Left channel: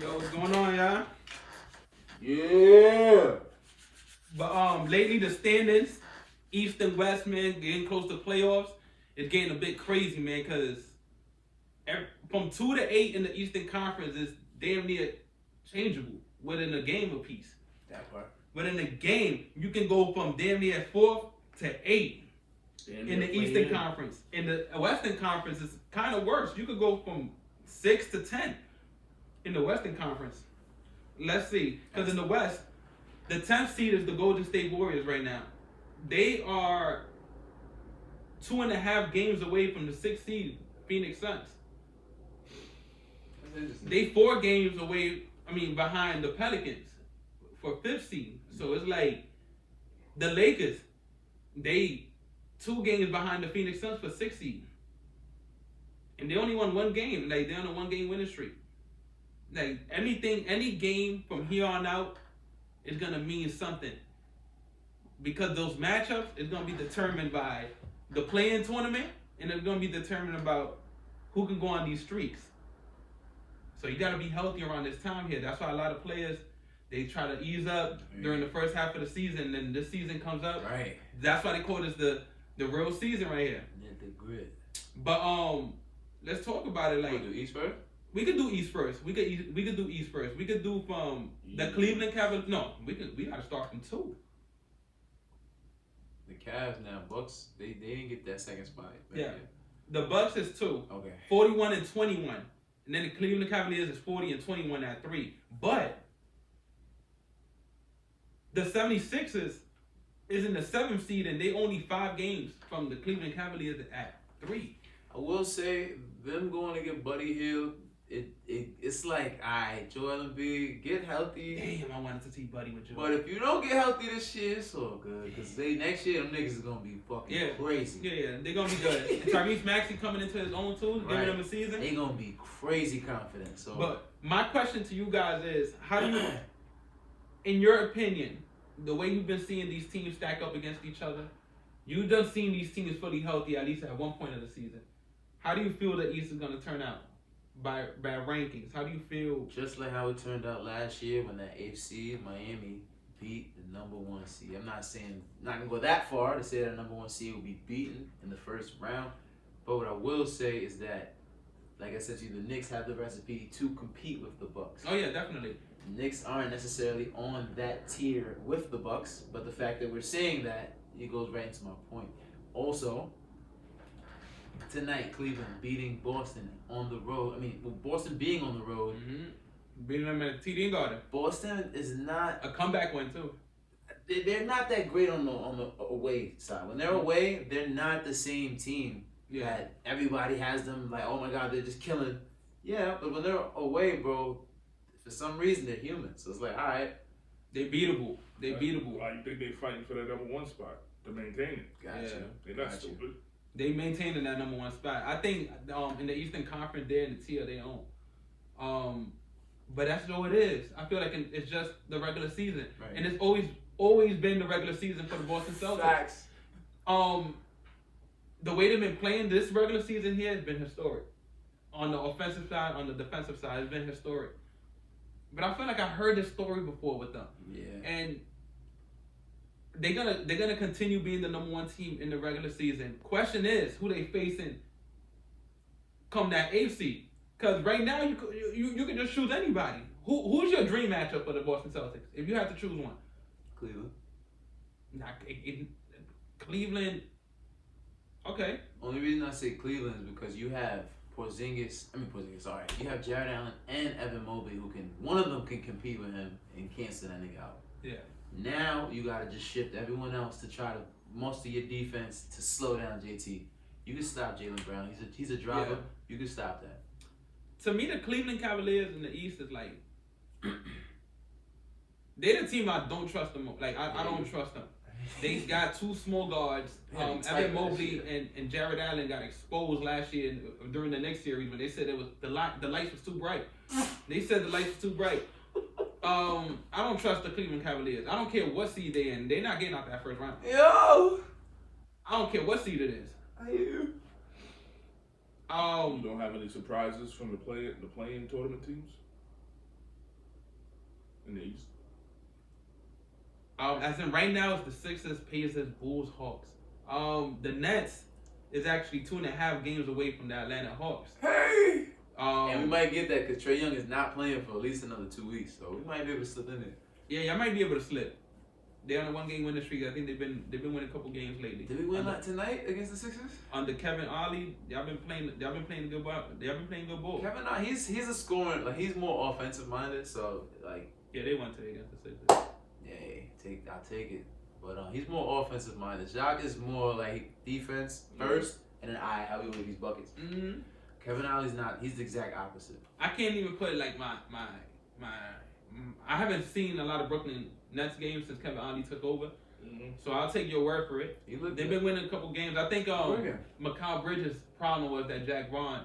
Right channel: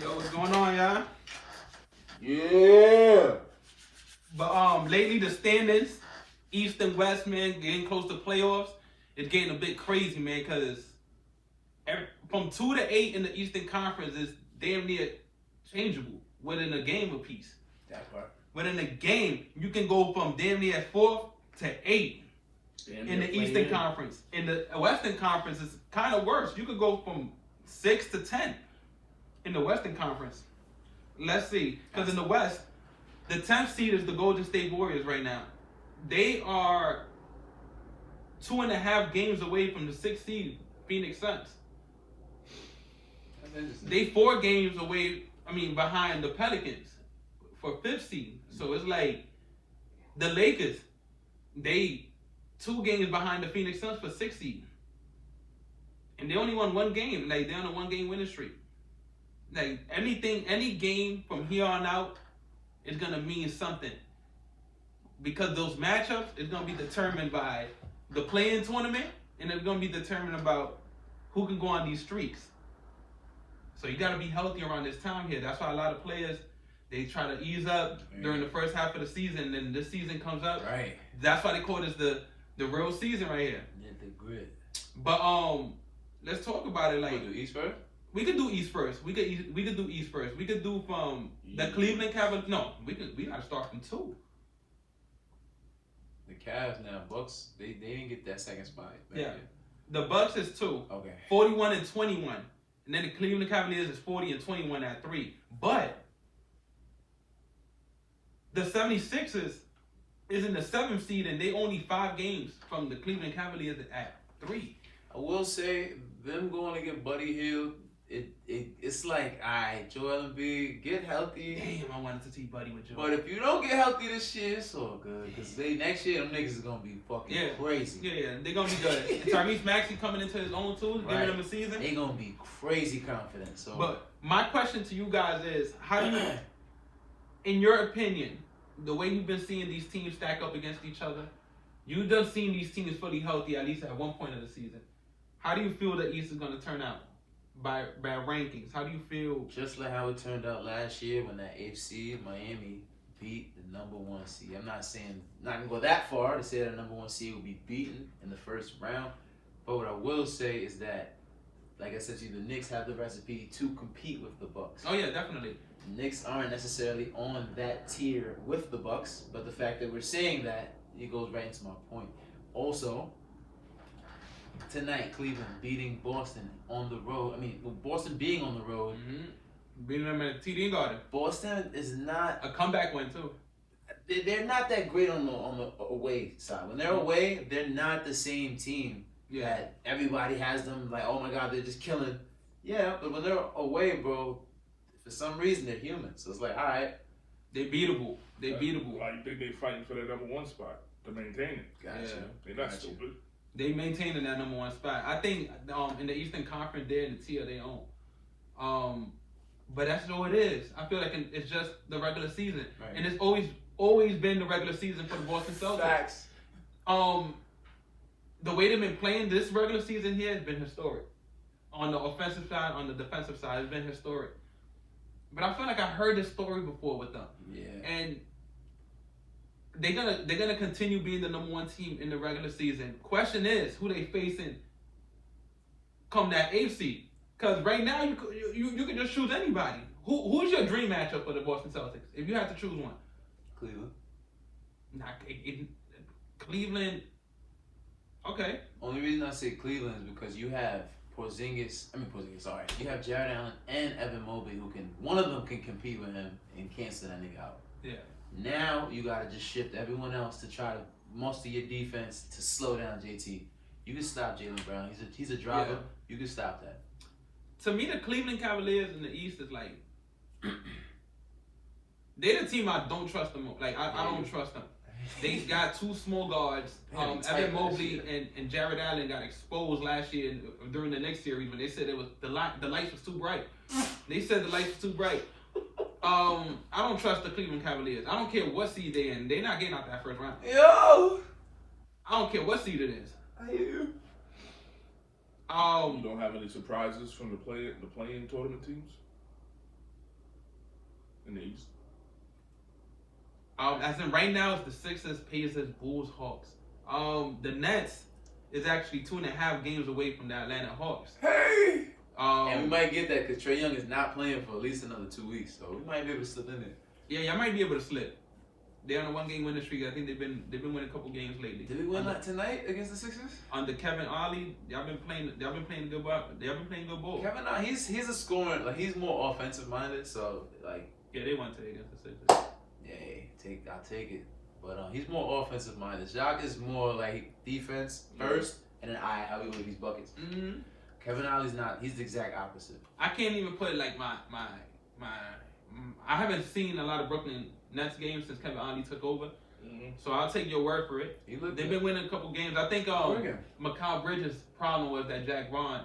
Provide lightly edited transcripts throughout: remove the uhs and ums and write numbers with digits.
Yo, what's going on, y'all? Yeah. But lately the standings, East and West, man, getting close to playoffs, it's getting a bit crazy, man, because from 2 to 8 in the Eastern Conference is damn near changeable within a game apiece. That part. Within a game, you can go from damn near 4 to 8 in the Eastern Conference. In the Western Conference, it's kind of worse. You could go from 6 to 10 in the Western Conference. Let's see, because in the West, the 10th seed is the Golden State Warriors right now. They are 2.5 games away from the 6th seed, Phoenix Suns. That's interesting. They 4 games away, behind the Pelicans for 5th seed. So it's like the Lakers, they 2 games behind the Phoenix Suns for 6th seed. And they only won 1 game. Like, they're on a 1-game winning streak. Like, any game from here on out is going to mean something. Because those matchups is going to be determined by the play-in tournament, and it's going to be determined about who can go on these streaks. So you got to be healthy around this time here. That's why a lot of players, they try to ease up during the first half of the season, and then this season comes up. Right. That's why they call this the real season right here. Yeah, the grid. But let's talk about it. Like, do East first? we could do East first. We could do East first. We could do from the Cleveland Cavaliers. No, we gotta start from 2. The Cavs now, Bucks, they didn't get that second spot. Yeah. The Bucks is 2. Okay. 41 and 21. And then the Cleveland Cavaliers is 40 and 21 at 3. But the 76ers is in the 7th seed, and they only 5 games from the Cleveland Cavaliers at 3. I will say, them going to get Buddy Hield, it's like, alright, Joel Embiid, get healthy. Damn, I wanted to see Buddy with Joel. But if you don't get healthy this year, it's all good. Because next year, them niggas is going to be fucking crazy. Yeah, they're going to be good. And Tyrese Maxey coming into his own too, giving him a season. They're going to be crazy confident. So. But my question to you guys is, how do you, in your opinion, the way you've been seeing these teams stack up against each other, you've done seen these teams fully healthy at least at one point of the season. How do you feel the East is going to turn out by rankings? How do you feel? Just like how it turned out last year when that AFC Miami beat the number 1 seed. I'm not gonna go that far to say that the number 1 seed will be beaten in the first round. But what I will say is that, like I said to you, the Knicks have the recipe to compete with the Bucks. Oh yeah, definitely. The Knicks aren't necessarily on that tier with the Bucks, but the fact that we're saying that, it goes right into my point. Also, tonight, Cleveland beating Boston on the road. Boston being on the road. Mm-hmm. Beating them at TD Garden. Boston is not a comeback win too. They're not that great on the away side. When they're away, they're not the same team that everybody has them like, oh my God, they're just killing. Yeah, but when they're away, bro, for some reason they're human. So it's like, all right, they beatable. They beatable. Why you think they fighting for that number 1 spot to maintain it? Gotcha. Yeah. They're not stupid. They maintaining that number 1 spot. I think in the Eastern Conference, they're in the tier they own. But that's all it is. I feel like it's just the regular season, and it's always been the regular season for the Boston Celtics. Facts. The way they've been playing this regular season here has been historic. On the offensive side, on the defensive side, it's been historic. But I feel like I heard this story before with them. Yeah. And they're gonna continue being the number 1 team in the regular season. Question is, who they facing come that 8th seed? Because right now you can just choose anybody. Who's your dream matchup for the Boston Celtics if you have to choose one? Cleveland. Cleveland. Okay. Only reason I say Cleveland is because you have Sorry, you have Jared Allen and Evan Mobley one of them can compete with him and cancel that nigga out. Yeah. Now you gotta just shift everyone else to try to muster your defense to slow down JT. You can stop Jaylen Brown. He's a driver. Yeah. You can stop that. To me, the Cleveland Cavaliers in the East is like they're the team I don't trust them. Like I don't trust them. They got 2 small guards. Evan Mobley and Jared Allen got exposed last year during the next series when they said it was the lights was too bright. They said the lights was too bright. I don't trust the Cleveland Cavaliers. I don't care what seed they're in. They're not getting out that first round. Yo! I don't care what seed it is. You don't have any surprises from the play-in tournament teams? in the East? As in right now, it's the Sixers, Pacers, Bulls, Hawks. The Nets is actually 2.5 games away from the Atlanta Hawks. Hey! And we Um, might get that because Trae Young is not playing for at least another 2 weeks, so we might be able to slip in there. yeah, I might be able to slip. They're on a 1-game winning streak. I think they've been winning a couple games lately. Did we win that tonight against the Sixers? Under Kevin Ollie, y'all been playing good ball. They've been playing good ball. Kevin, he's a scorer. Like he's more offensive minded, so like Yeah, they won today against the Sixers. yeah, I'll take it. But he's more offensive minded. Jacques is more like defense first, and then I'll be with these buckets. Mm-hmm. Kevin Ollie's not. He's the exact opposite. I can't even put like my. I haven't seen a lot of Brooklyn Nets games since Kevin Ollie took over. Mm-hmm. So I'll take your word for it. They've been winning a couple games. I think Mikal Bridges' problem was that Jack Vaughn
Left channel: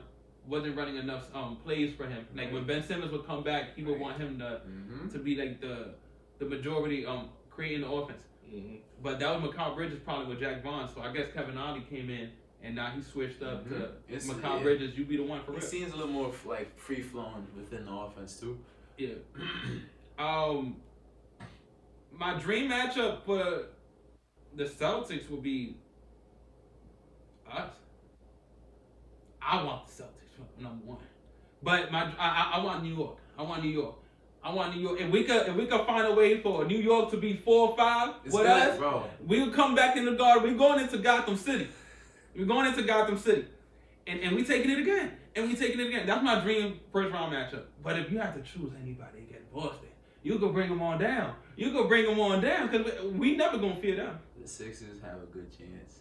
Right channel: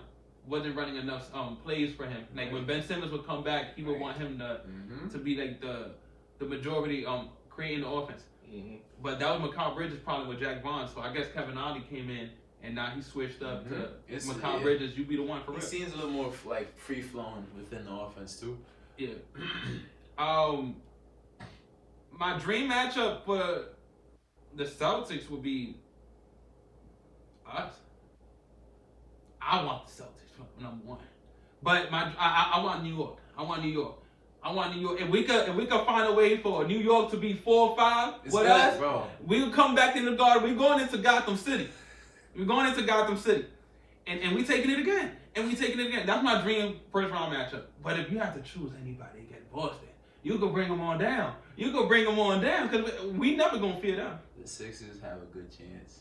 wasn't running enough plays for him. Like when Ben Simmons would come back, he would want him to be like the majority creating the offense. Mm-hmm. But that was Mikal Bridges' problem with Jack Vaughn. So I guess Kevin Ollie came in and now he switched up to Mikal Bridges. You be the one for real. It seems a little more like free flowing within the offense too. Yeah. My dream matchup for the Celtics would be us. I want the Celtics for number one, but I want New York. I want New York. If we could find a way for New York to be 4 or 5 with us, bro. we'll come back in the Garden. We're going into Gotham City. And we taking it again. That's my dream first round matchup. But if you have to choose anybody against Boston, you can bring them on down. Because we never gonna fear them. The Sixers have a good chance.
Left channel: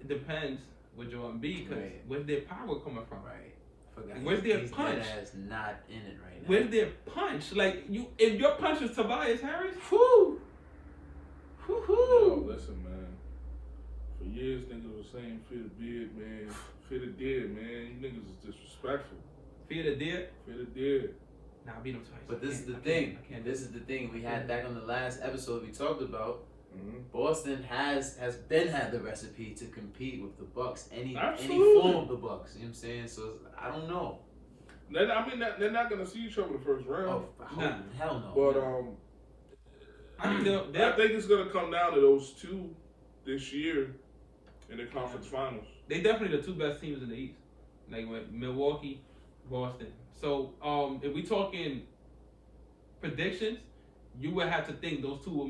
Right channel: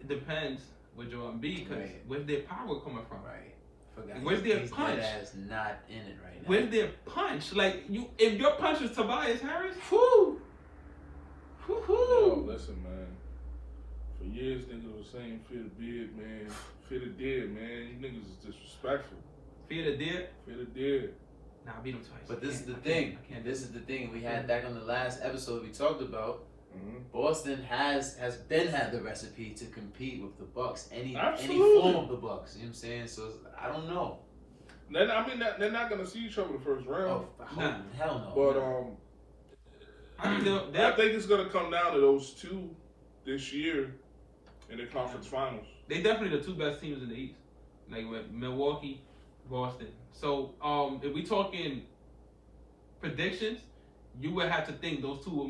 It depends with Jordan B. Because Right. where's their power coming from? Right. Forgot Where's their he's punch? deadass not in it right now. Where's their punch? Like if your punch is Tobias Harris, Whoo! Yo, listen, man. For years, niggas was saying fear the beard, man. Fear the dead, man. You niggas is disrespectful. fear the dead. Fear the dead. Nah, I beat him twice. But this is the I thing. can't. This is the thing we had back on the last episode we talked about. Mm-hmm. Boston has been had the recipe to compete with the Bucks. Any Absolutely. form of the Bucks. You know what I'm saying? So I don't know. They're not gonna see each other the first round. Hell no. But I mean, I think it's gonna come down to those two this year in the conference finals. they definitely the two best teams in the East, like with Milwaukee, Boston. So if we talking predictions, you would have to think those two will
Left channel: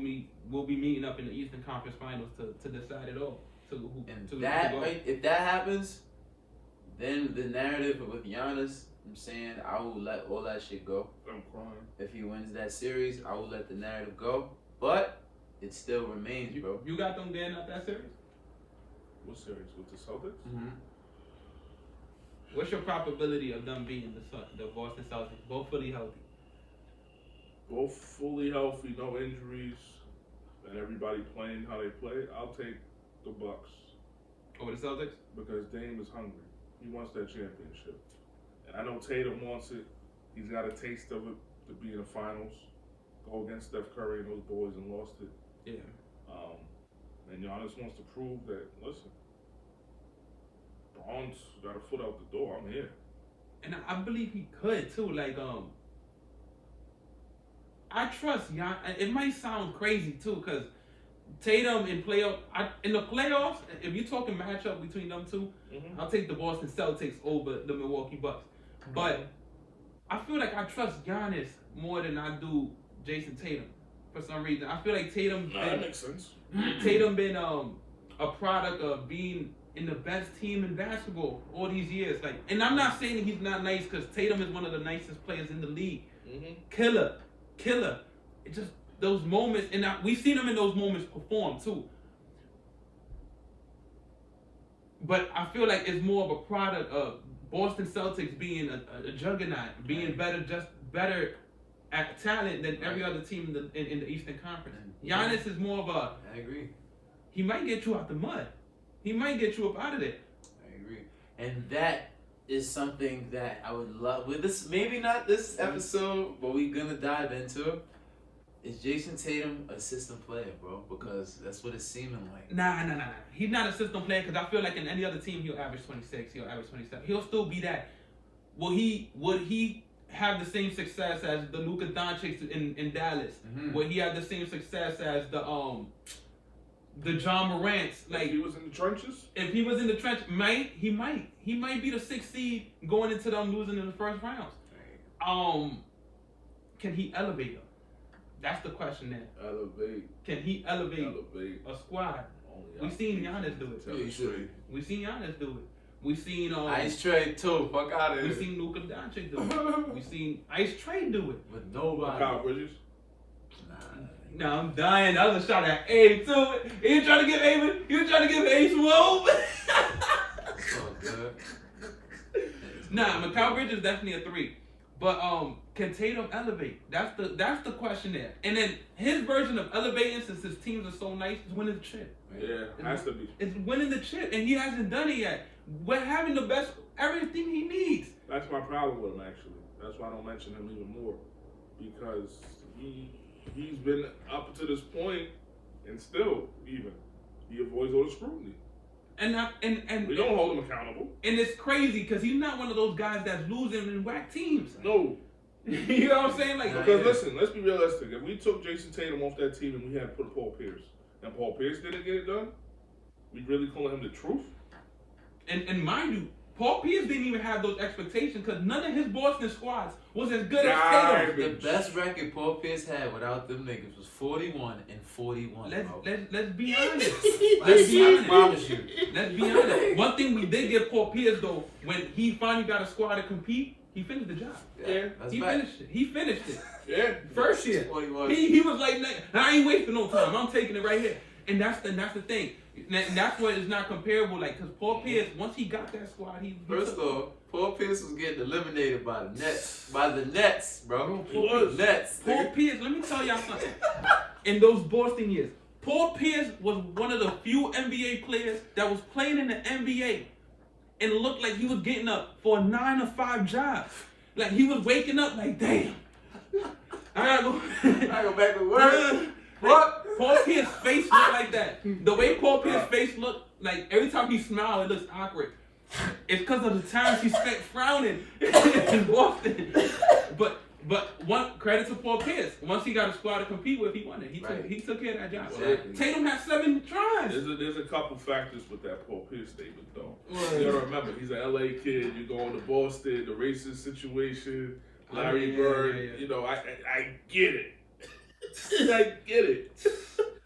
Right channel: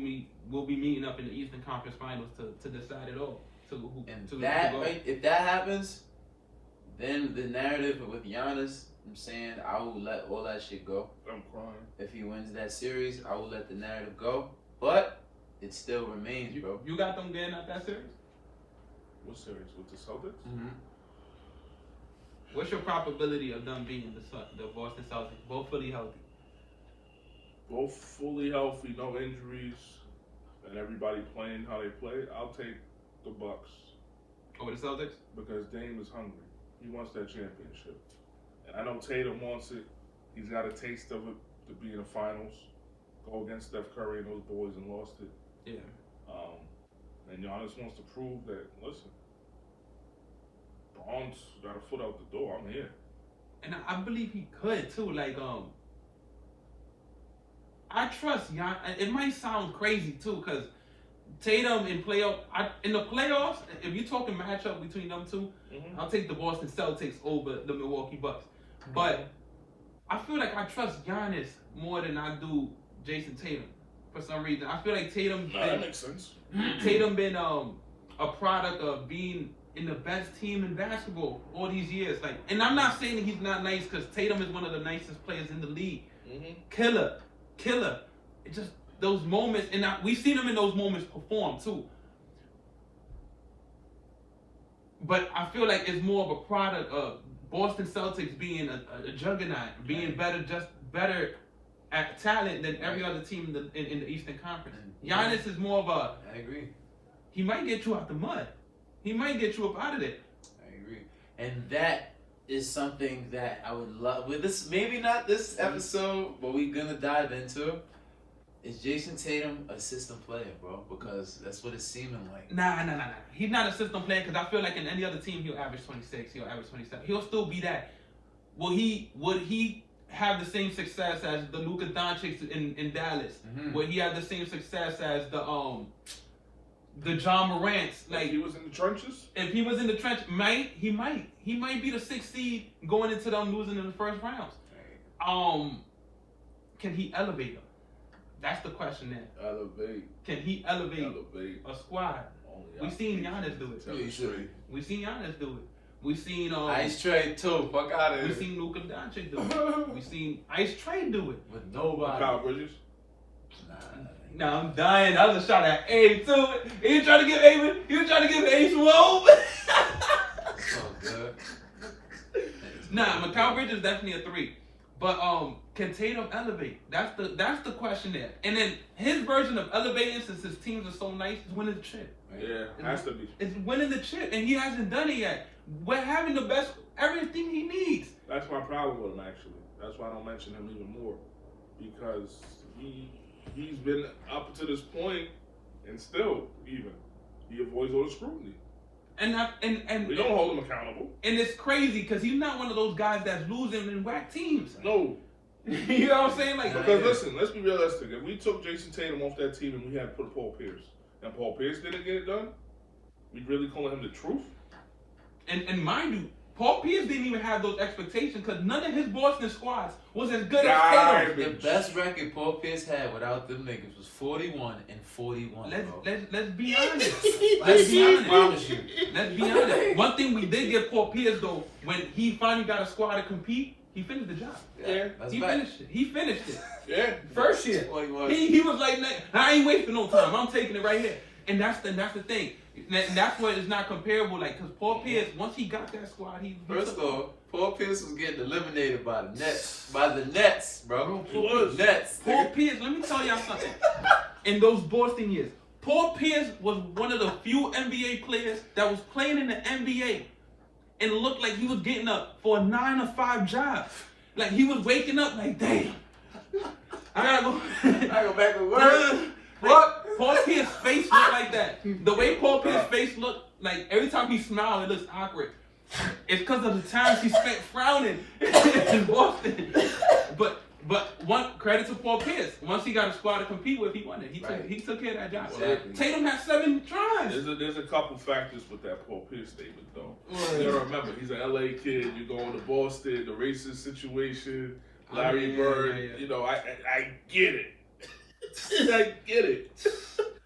be meeting up in the Eastern Conference Finals to decide it all. To go. If that happens, then the narrative with Giannis, I'm saying I will let all that shit go. I'm crying. If he wins that series, I will let the narrative go. But it still remains, bro. You got them getting out that series? What series with the Celtics? Mm-hmm. What's your probability of them being the Boston Celtics, both fully healthy? Both fully healthy, no injuries, and everybody playing how they play. I'll take the Bucks Over the Celtics? because Dame is hungry. He wants that championship, and I know Tatum wants it. He's got a taste of it to be in the finals, go against Steph Curry and those boys, and lost it. Yeah. And Giannis wants to prove that. Listen, Braun's got a foot out the door. I'm here. And I believe he could too. Like I trust Gian. It might sound crazy too, cause Tatum in the playoffs, if you're talking matchup between them two, I'll take the Boston Celtics over the Milwaukee Bucks. But I feel like I trust Giannis more than I do Jason Tatum for some reason. I feel like That makes sense. Tatum been a product of being in the best team in basketball all these years. Like, and I'm not saying that he's not nice, because Tatum is one of the nicest players in the league. Killer. It just those moments, and we've seen him in those moments perform too. But I feel like it's more of a product of Boston Celtics being a juggernaut, being better at talent than every other team in the Eastern Conference. Giannis is more of a. I agree. He might get you out the mud. He might get you up out of there. I agree. And that is something that I would love. With this, maybe not this episode, but we're gonna dive into. Is Jason Tatum a system player, bro? Because that's what it's seeming like. Nah. He's not a system player, because I feel like in any other team he'll average 26, he'll average 27. He'll still be that. Would he have the same success as the Luka Doncic in Dallas, where he had the same success as the John Morant's. Like, if he was in the trenches. if he was in the trench, he might be the 6th seed going into them losing in the first rounds. Can he elevate them? That's the question there. Elevate. Can he elevate a squad? We seen Giannis do it. We seen Giannis do it. We seen Ice Trade too. Fuck out of here. we seen Luka Doncic do it. We seen Ice Trade do it. With nobody. Kyle Bridges. No, I'm dying. That was a shot at Abe too. He was trying to give Abe some hope. So good. Nah, Mikal Bridges is definitely a 3. But can Tatum elevate? That's the question there. And then his version of elevating, since his teams are so nice, is winning the chip. Yeah, has to be. It's winning the chip, and he hasn't done it yet. We're having the best, everything he needs. That's my problem with him, actually. That's why I don't mention him even more, because he's been up to this point, and still even he avoids all the scrutiny. And We don't hold him accountable. And it's crazy because he's not one of those guys that's losing in whack teams. No. You know what I'm saying? Like, Because listen, let's be realistic. If we took Jason Tatum off that team and we had put Paul Pierce, and Paul Pierce didn't get it done, we really calling him the truth? and mind you, Paul Pierce didn't even have those expectations because none of his Boston squads was as good as Tatum. The best record Paul Pierce had without them niggas was 41-41. Let's be honest. Let's be honest. Promise you. Let's be honest. One thing we did get Paul Pierce though, when he finally got a squad to compete, he finished the job. Yeah. He finished it. He finished it. Yeah. First year. He was like, I ain't wasting no time. I'm taking it right here. And that's the thing. And that's why it's not comparable. Like, because Paul Pierce, once he got that squad, he First off, Paul Pierce was getting eliminated by the Nets. By the Nets, bro. He was. Nets. Paul Pierce, let me tell y'all something. In those Boston years, Paul Pierce was one of the few NBA players that was playing in the NBA and looked like he was getting up for a 9-to-5 job. Like, he was waking up like, damn. I gotta go back to work. What? Paul Pierce's face looked like that. The way Paul Pierce's face looked, like every time he smiled, it looks awkward. It's because of the times he spent frowning in Boston. But one credit to Paul Pierce. Once he got a squad to compete with, he won it. He took care of that job. Exactly. Tatum had 7 tries. There's a couple factors with that Paul Pierce statement, though. You gotta remember, he's an LA kid. You're going to Boston, the racist situation, Larry Bird. Yeah. You know, I get it. I get it.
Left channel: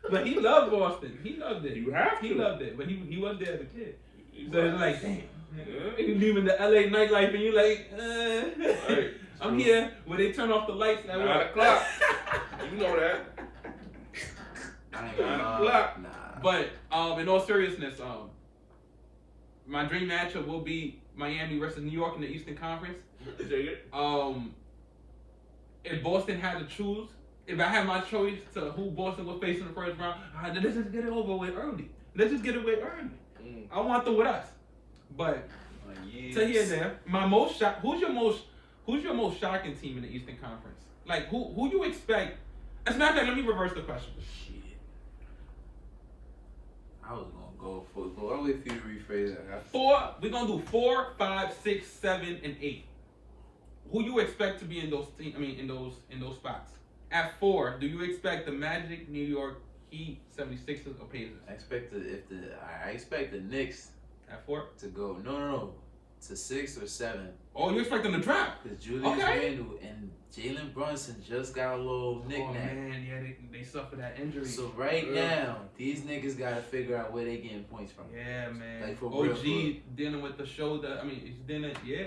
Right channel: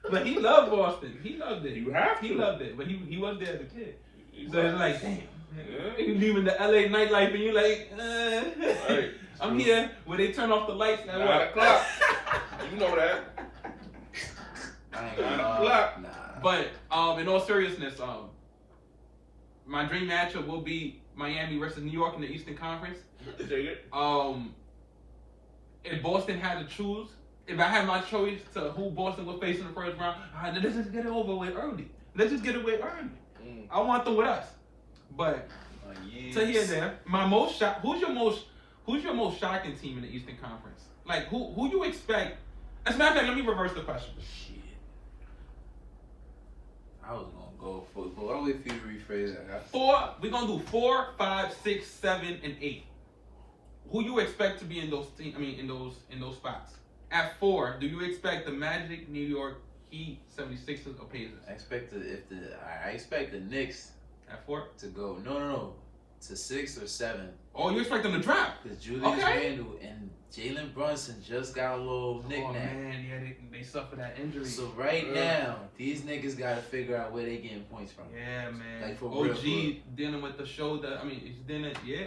But he loved Boston. He loved it. You have to. He loved it. But he was there as a kid. He's So it's like, damn. Yeah. You leaving the LA nightlife and you like, Right. I'm here where they turn off the lights at 9 what? o'clock. You know that. 9 o'clock. But in all seriousness, my dream matchup will be Miami versus New York in the Eastern Conference. Dig it. If Boston had to choose, if I had my choice to who Boston would face in the first round, let's just get it over with early. Let's just get it away early. I want them with us. But to here and there, my most shock. Who's your most shocking team in the Eastern Conference? Like who you expect? As a matter of fact, let me reverse the question. Shit. I was gonna go for. I'll wait for you to rephrase that. 4. We're gonna do 4, 5, 6, 7, and 8. Who you expect to be in those in those spots? At 4, do you expect the Magic, New York, Heat, 76ers, or Pacers? I expect the Knicks At 4? to go no to 6 or 7. Oh, you expect them to drop? Because Julius Randle and Jalen Brunson just got a little nickname. Oh man, yeah, they suffered that injury. So right now, these niggas gotta figure out where they getting points from. Yeah, man. Like, for OG real. dealing with the shoulder. He's dealing. Yeah.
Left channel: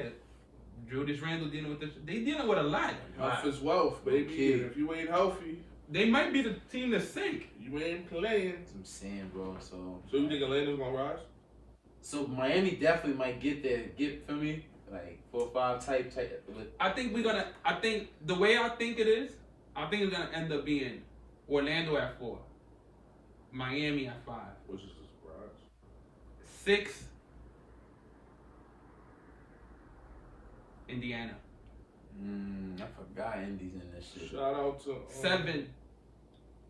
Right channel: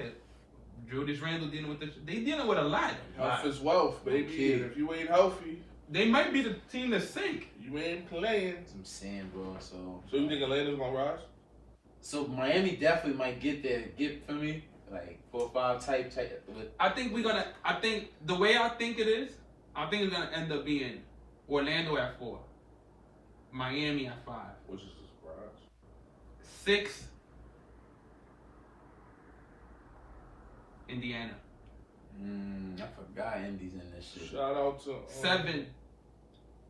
Julius Randle dealing with they dealing with a lot. Health is wealth, baby. Okay. And if you ain't healthy, They might be the team to sink. you ain't playing. That's what I'm saying, bro. So you think Atlanta's gonna rise? So Miami definitely might get for me, like 4 or 5 type with. I think the way I think it is, I think it's gonna end up being Orlando at 4, Miami at 5, Which is a surprise. 6, Indiana, I forgot Indy's in this shit. Shout out to 7.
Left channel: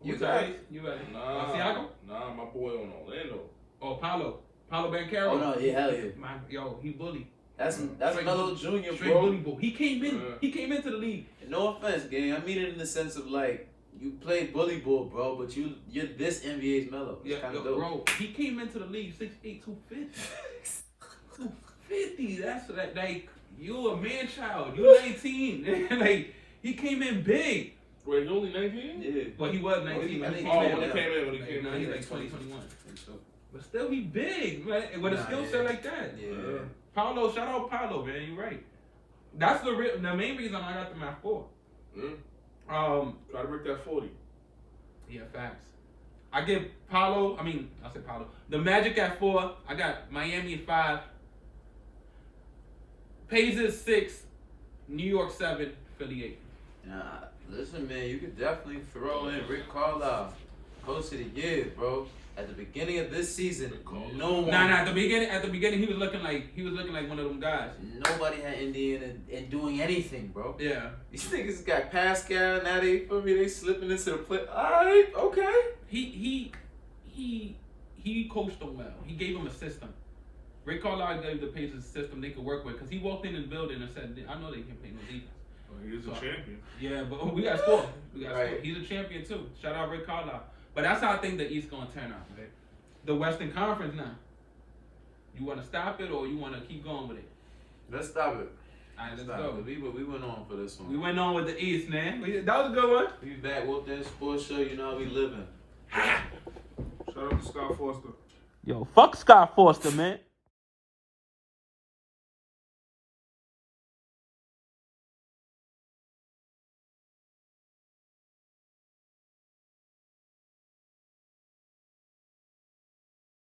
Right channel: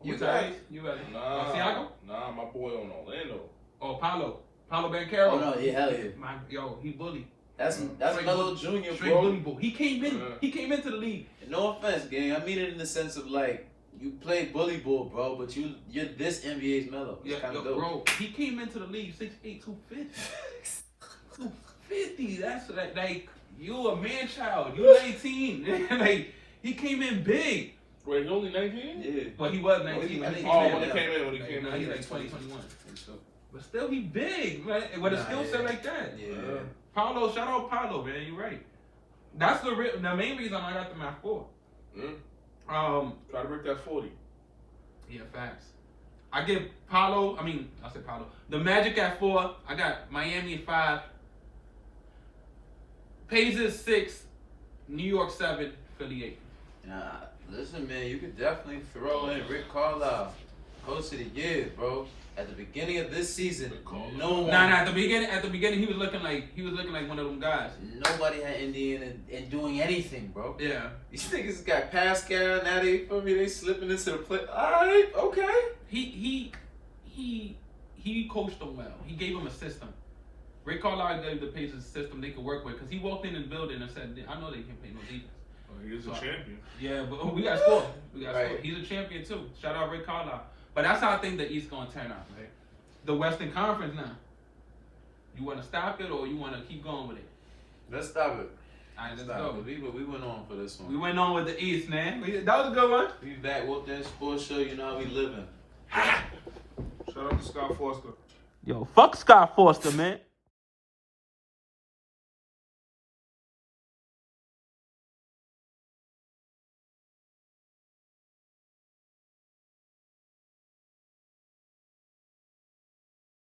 You guys? guys? You guys? Nah, Santiago? nah, my boy on Orlando. Oh, Paulo Banchero. Oh no, yeah, hell yeah. He bully. That's Straight Melo bully- Jr., Straight bro. bully boy. He came into the league. And no offense, gang. I mean it in the sense of like you play bully ball, bro, but you're this NBA's Melo. It's kind of dope. Bro, he came into the league 6'8", 250. 250. That's like you a man child. You 19. Like he came in big. Wait, he only 19? Yeah. Well, he was 19 when he came Oh, in. when he came in, Now he's like 20, 21. But still, he big, man. With a skill set like that. Yeah. Paulo, shout out Paulo, man. You're right. That's the main reason I got them at 4. Try to break that 40. Yeah, facts. I give Paulo. I said Paulo. The Magic at 4. I got Miami at 5. Pacers 6. New York 7. Philly 8. Nah, listen, man. You could definitely throw in Rick Carlisle, Coach of the Year, bro. At the beginning of this season, no one. Nah. At the beginning, he was looking like one of them guys. Nobody had Indiana and doing anything, bro. Yeah. These niggas got Pascal. Now they slipping into the play. Alright, okay. He coached them well. He gave them a system. Rick Carlisle gave the Pacers a system they could work with because he walked in the building and said, "I know they can play no defense." He is a champion. Yeah, but we got to score. Right. He's a champion too. Shout out Rick Carlisle. But that's how I think the East gonna turn out, right? The Western Conference now. You want to stop it or you want to keep going with it? Let's stop it. All right, let's Stop go. it. We went on for this one. We went on with the East, man. That was a good one. We back. Whoop that sports show. You know how we living. Shout out to Scott Foster. Yo, fuck Scott Foster, man.